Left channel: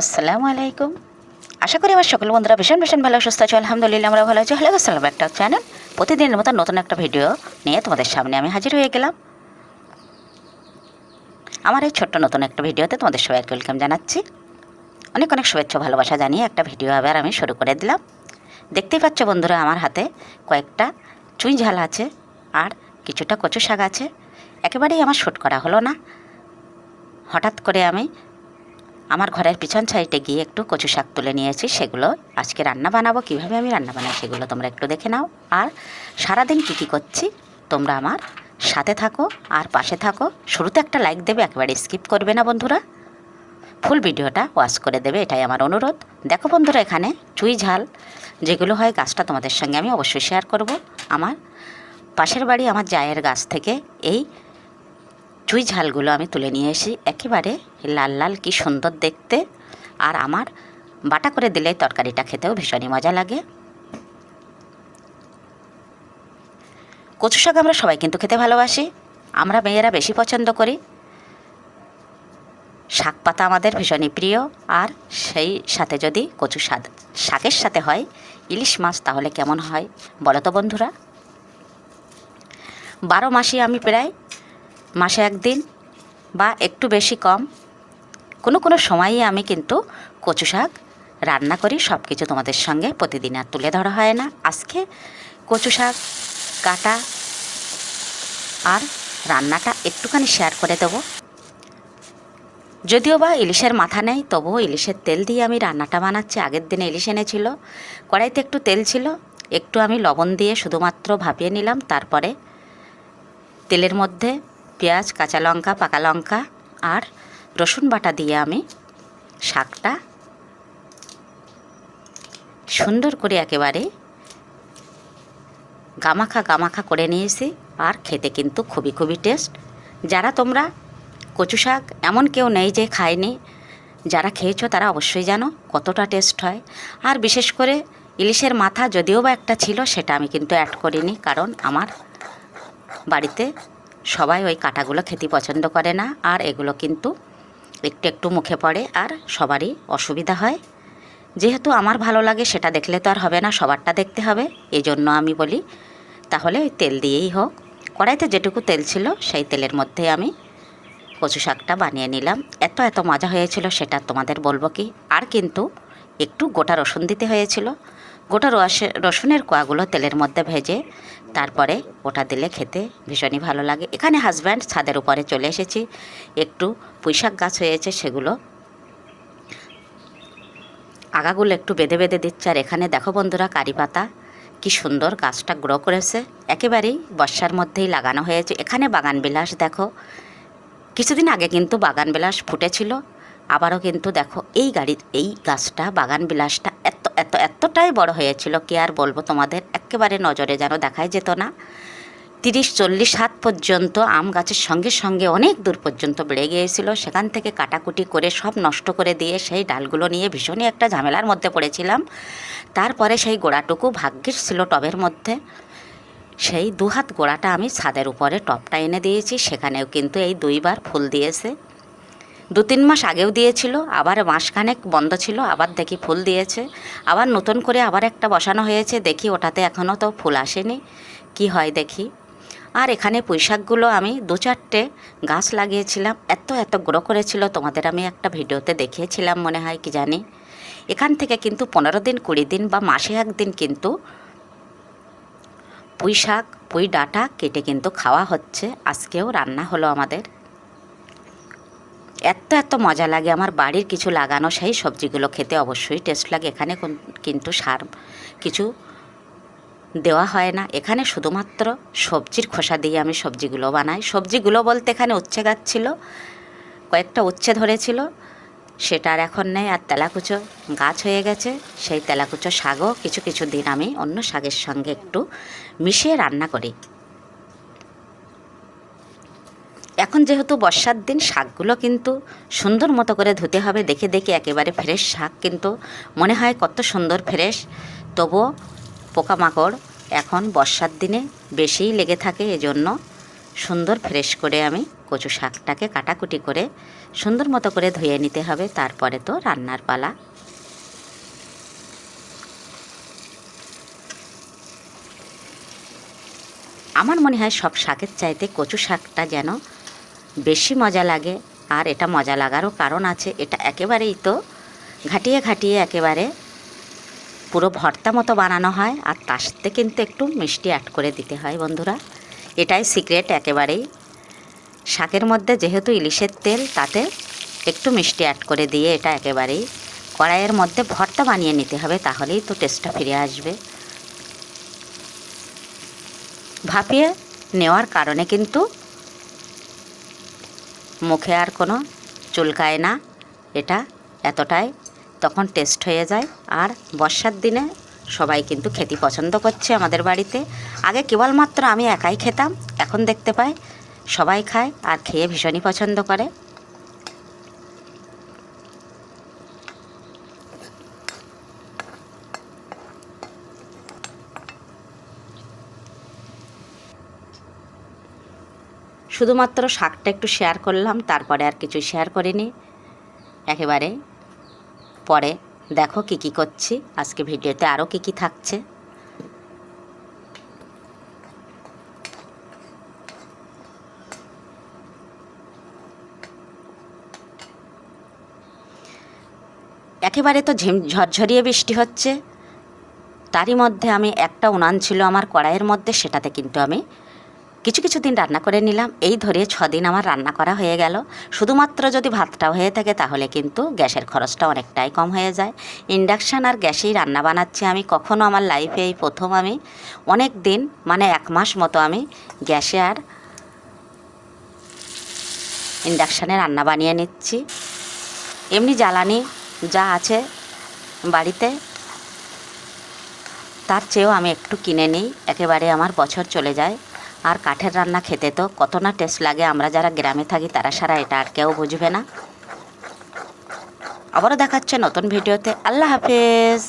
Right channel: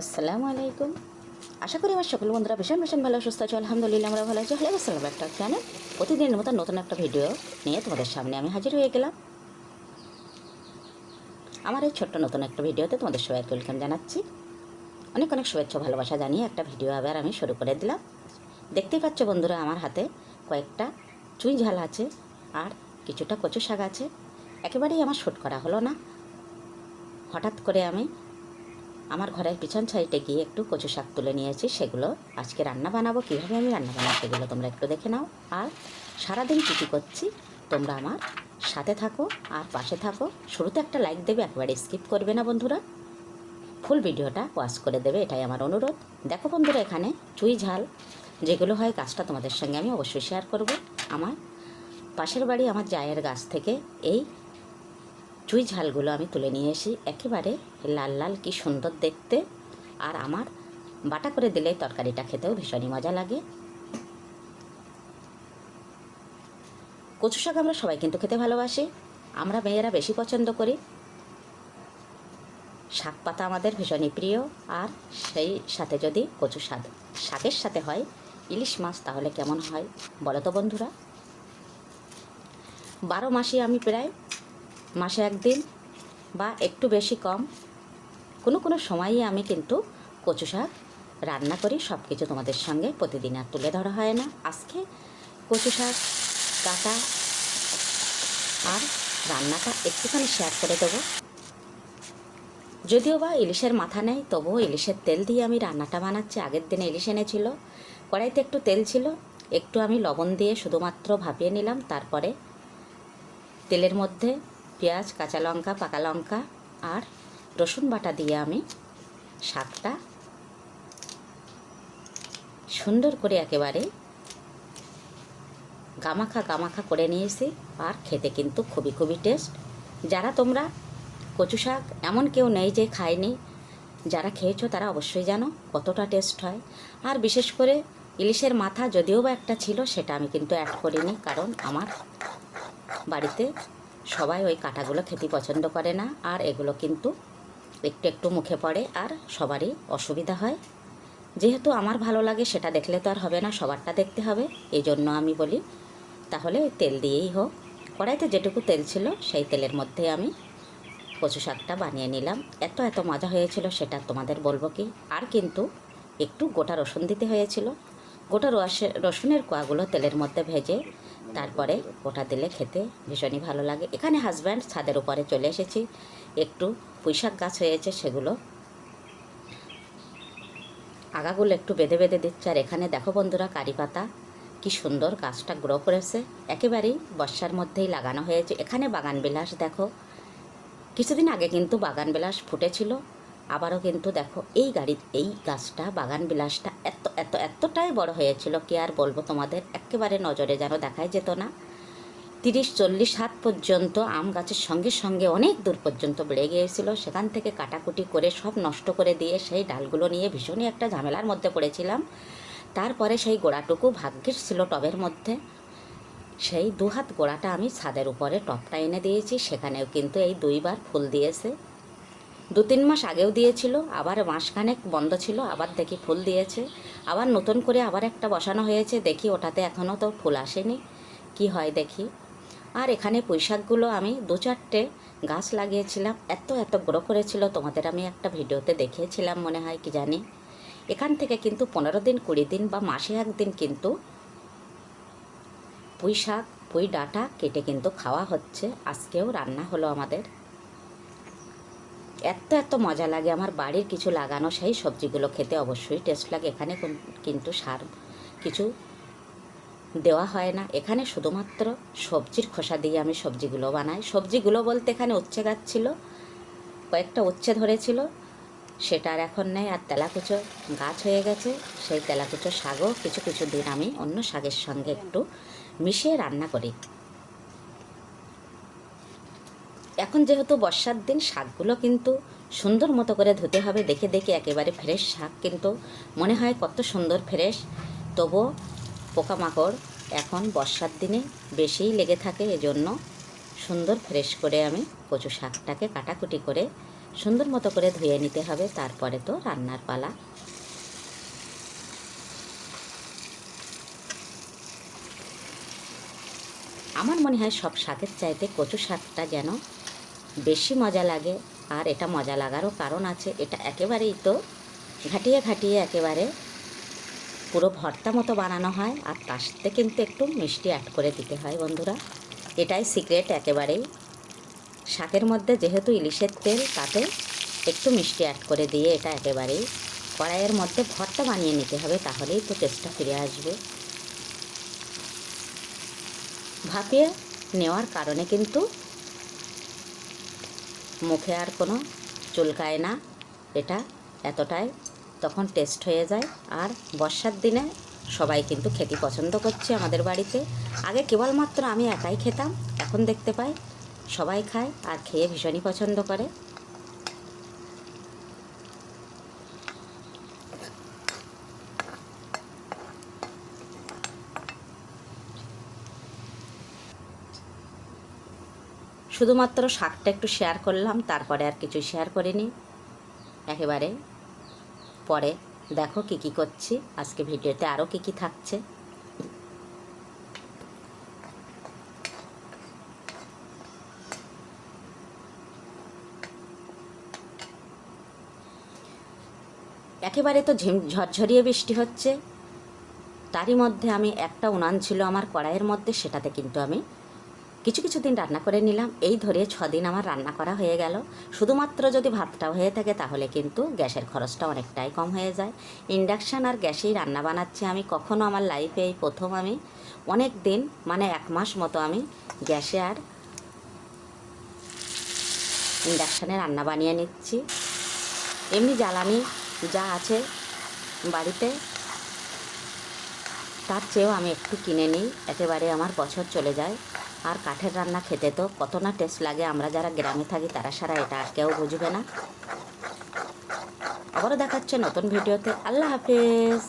আসসালামু আলাইকুম। আশা করি আমার সকল বন্ধুরা ভীষণ ভীষণ ভালো সুস্থ আছে। আলহামদুলিল্লাহ আমরা ভালো আছি। হ্যালো আসসালাম, একটা চ্যানেল প্রতিদিনের মতো নতুন একটা ভিডিও নিয়ে তোমাদের সামনে আমি হাজির হয়ে গেলাম। আমার এই ছোট্ট নতুন একটা ভিডিওতে তোমাদের সবাইকে ওয়েলকাম জানাচ্ছি। অনেক অনেক শুভেচ্ছা ভালোবাসা জানিয়ে একটা ভিডিও আবার আমি শুরু করে দিলাম। দেখতেই পাচ্ছ বন্ধুরা, আমার হাতে কয়েকটা চুই ঝাল আছে আর কিছুটা কচু শাক আছে। একেবারেই আমার শ্যুট করা হলো না, হঠাৎ করে আমি আমার ঘরের পিছন সাইডে গিয়ে একটু কচু শাক তুলে নিয়েছি। সেগুলো আজকে রান্না বানাবো। কীভাবে আমি রান্না বানাই সেগুলো তোমরা একটু দেখে নাও। আর সারাদিন কী কী করছি তোমরা আমার সাথে থাকো আর পাশে থাকো। শুরুতে একটা লাইক দেবে, একেবারে স্কিপ করবে না বন্ধুরা, ফুল ভিডিওটা ওয়াচ করে দেবে, এটাই আমার অনুরোধ। দেখো বন্ধুরা, এখানে চুই ঝাল যেগুলো হয় গাছটা তোমাদের সঙ্গে আমি অবশ্যই শেয়ার করব। আমার পাশের বাড়ি আমার জায়ের গাছ থেকে এই চুই ঝালগুলো আমি তুলে নিয়ে এসি। একেবারে লাল লাল কি সুন্দর দেখতে, আর আমার বাটা করে দিলে তরকারিটা খেতেও ভীষণই মজা লাগে। কচু শাক আমরা সবাই কিন্তু খেতে ভালোবাসি, আমরা মেয়েরা বেশি পছন্দ করি। শাক পাতা আমাদের ভীষণই প্রিয়, আর সেই সাথে যদি কচু শাকের সাথে হয় ইলিশ মাছ, তাহলে কেমন হয় বলো তো বন্ধুরা। 12 মাসই আমি প্রায় মাসে একদিন বা একটু বেশি কম কোনো কোনো সময়ই আমি কিন্তু কচু শাক রান্না করি। সব কিছু তোমাদের সঙ্গে প্রতিদিন আর তুলে ধরা হয় না। আজকে কচু শাক কাটা আর রান্নাটা একটুখানি শেয়ার করে দেবো। যদিও বা ইলিশের মাথা নেই, তবুও ইলিশের তেল দিয়ে আমি রান্নাটা বানাচ্ছি। আগের দিনে ইলিশ এনেছিল, কড়াইতে একটু তেল ছিল, একটু আমি লবণ দিয়ে শুধুমাত্র ভাপিয়ে নিলাম। তারপরে তেলের মধ্যে পেঁয়াজ, কাঁচা লঙ্কা, পাকা লঙ্কা আর রসুন বাটা দিয়ে আমি শাকটা সুন্দর করে একেবারে গামাখা করে নিয়েছি। আর খেতে কিন্তু খুবই খুবই টেস্ট। যারা তোমরা কচু শাক এমন কেউ নেই যে খায়নি, যারা খেয়েছো তারা অবশ্যই জানো কতটা টেস্ট হয়। আর বিশেষ করে ইলিশের মাথা যদিও বা একটা ছিল, সেটা আমি কিন্তু অ্যাড করিনি, কারণ আমার বাড়িতে সবাই ওই কাঁটাগুলো খেতে পছন্দ করে না, আর এগুলো কিন্তু একটু একটু মুখে পড়ে আর সবারই অসুবিধা হয়। যেহেতু আমার ভালো লাগে, সেটা দেখলে তো আর হবে না, সবারটা দেখতে হবে। এই জন্য আমি বলি তাহলে ওই তেল দিয়েই হোক। কড়াইতে যেটুকু তেল ছিল সেই তেলের মধ্যে আমি কচু শাকটা বানিয়ে নিলাম। এত এত মজা হয়েছিল সেটা তোমাদের বলবো কি। আর কিন্তু একটু গোটা রসুন দিতে হয়েছিল। গোটা রসুনের কোয়াগুলো তেলের মধ্যে ভেজে তারপরে ওটা দিলে খেতে ভীষণই ভালো লাগে। এখানে হাজব্যান্ড ছাদের উপরে চলে এসেছি, একটু পুঁইশাক গাছ হয়েছে, সেগুলো আগাগুলো একটু বেঁধে বেঁধে দিচ্ছে। আর এখানে দেখো বন্ধুরা, কারি পাতা কি সুন্দর গাছটা গ্রো করেছে, একেবারেই বর্ষার মধ্যেই লাগানো হয়েছে। এখানে বাগানবিলাস দেখো, কিছুদিন আগে কিন্তু বাগানবিলাস ফুটেছিল, আবারও কিন্তু দেখো এই গাছটা বাগানবিলাসটা এতটাই বড় হয়েছিল, কি আর বলবো তোমাদের, একেবারে নজরে যেন দেখাই যেত না। 30-40 হাত পর্যন্ত আম গাছের সঙ্গে সঙ্গে অনেক দূর পর্যন্ত বেড়ে গিয়েছিল। সেখান থেকে কাটাকুটি করে সব নষ্ট করে দিয়ে সেই ডালগুলো নিয়ে ভীষণই একটা ঝামেলার মধ্যে পড়েছিলাম। তারপরে সেই গোড়াটুকু ভাগ্যের ছিল টবের মধ্যে, সেই 2 হাত গোড়াটা আমি ছাদের উপরে টপটা এনে দিয়েছি। সেখানেও কিন্তু এই 2বার ফুল দিয়েছে। 2-3 মাস আগেও দিয়েছিল, আবার মাসখানেক বন্ধ ছিল, আবার দেখি ফুল দিয়েছে। আবার নতুন করে আবার একটা বসানো হয়েছে, দেখি ওটাতে এখনও তো ফুল আসেনি, কি হয় দেখি। আর এখানে পুঁইশাকগুলো আমি 2-4টে গাছ লাগিয়েছিলাম, এত গ্রো করেছিল, তোমাদের আমি একটা ভিডিওতে দেখিয়েছিলাম মনে হয়, কি জানি। এখান থেকে কিন্তু 15 দিন 20 দিন বা মাসে একদিন কিন্তু পুঁইশাক পুঁই ডাঁটা কেটে কিন্তু খাওয়া হচ্ছে। আজকেও রান্না হলো আমাদের। এত মজা লাগে আমার বাড়ির কিছু লাগানো সেই সবজিগুলো খেতে, অবশ্যই টেস্ট লাগে। এখানে কিন্তু সার কিছু দেওয়া হয় না, এখানে শুধুমাত্র সবজির খোসা দিয়ে আমি সবজিগুলো বানাই। সবজিগুলো বলতে এখানে উচ্ছে গাছ ছিল, কয়েকটা উচ্ছে ধরেছিল, সেটা আর এখন নেই। আর তেলাকুচো গাছ হয়ে গেছে, সেই তেলাকুচো শাকও কিছু কিছু দিন আমি অন্য শাকের সঙ্গে একটু মিশিয়ে রান্না করি। এখন যেহেতু বর্ষার দিন, শাকগুলো কিন্তু সুন্দর মতো করে ধুতে হবে। দেখে দেখে একেবারে ফ্রেশ শাক কিন্তু মনে হয় কত সুন্দর ফ্রেশ, তবুও পোকামাকড় এখন বর্ষার দিনে বেশিই লেগে থাকে। এজন্য সুন্দর ফ্রেশ করে আমি কচু শাকটাকে কাটাকুটি করে সুন্দর মতো করে ধুয়ে নিতে হবে, তারপরে তো রান্নার পালা। আমার মনে হয় সব শাকের চাইতে কচু শাকটা যেন বেশি মজা লাগে। আর এটা মজা লাগারও কারণ আছে, এটা একেবারেই তো ঘাটিয়ে ঘাটিয়ে একেবারে পুরো ভর্তা মতো বানানো হয়, আর তার সাথে কিন্তু একটু মিষ্টি অ্যাড করে দিতে হয় বন্ধুরা। এটাই সিক্রেট একেবারেই। শাকের মধ্যে যেহেতু ইলিশের তেল, তাতে একটু মিষ্টি অ্যাড করে দিয়ে এটা একেবারেই কড়াইয়ের মধ্যে ভর্তা বানিয়ে নিতে হবে, তাহলেই তো টেস্টটা ফিরে আসবে। ভাপিয়ে নেওয়ার কারণে কিন্তু মুখে আর কোনো চুলকায় না, এটা এতটাই তখন টেস্ট হয়ে যায়। আর বর্ষার দিনে সবাই কিন্তু খেতে পছন্দ করছে আমাদের বাড়িতে। আগে কেবলমাত্র আমি একাই খেতাম, এখন দেখতে পাই সবাই খায় আর খেয়ে ভীষণই পছন্দ করে। শুধুমাত্র শাকটা একটু শেয়ার করলাম, তারপরে আর কিছু শেয়ার করিনি। একেবারে পরে দেখো কি কি করছি, আজকে ভিডিওতে আরও কি কি থাকছে। একেবারে তো ঝরঝরিয়ে বৃষ্টি হচ্ছে, তারই মধ্যে আমি একটা উনান ছিল আমার কড়াইয়ের মধ্যে, সেটাতে কিন্তু আমি কিছু দিন রান্না করে নিলাম। এই ধরে 6 দিন আমার রান্না করা হয়ে গেল। শুধুমাত্র যদি ভাতটা হয়ে থাকে তাহলে কিন্তু গ্যাসের খরচটা অনেকটাই কম হয়ে যায়। ইন্ডাকশান আর গ্যাসেই রান্না বানাচ্ছি আমি। কখনো আমার লাইফে এই প্রথম আমি অনেক দিন, মানে 1 মাস মতো আমি গ্যাসে আর ইন্ডাকশানে রান্না বানিয়ে নিচ্ছি। এমনি জ্বালানি যা আছে বাড়িতে, তার চেয়েও আমি একটু কিনে নিই, একেবারে আমার বছর চলে যায়। আর কাঠের রান্না খেতে তো কত না টেস্ট লাগে, আমরা যারা গ্রামে থাকি তারা সারা এটা আর কেউ বুঝবে না। আবারও দেখাচ্ছে নতুন ভিডিওতে। আল্লাহ হাফেজ।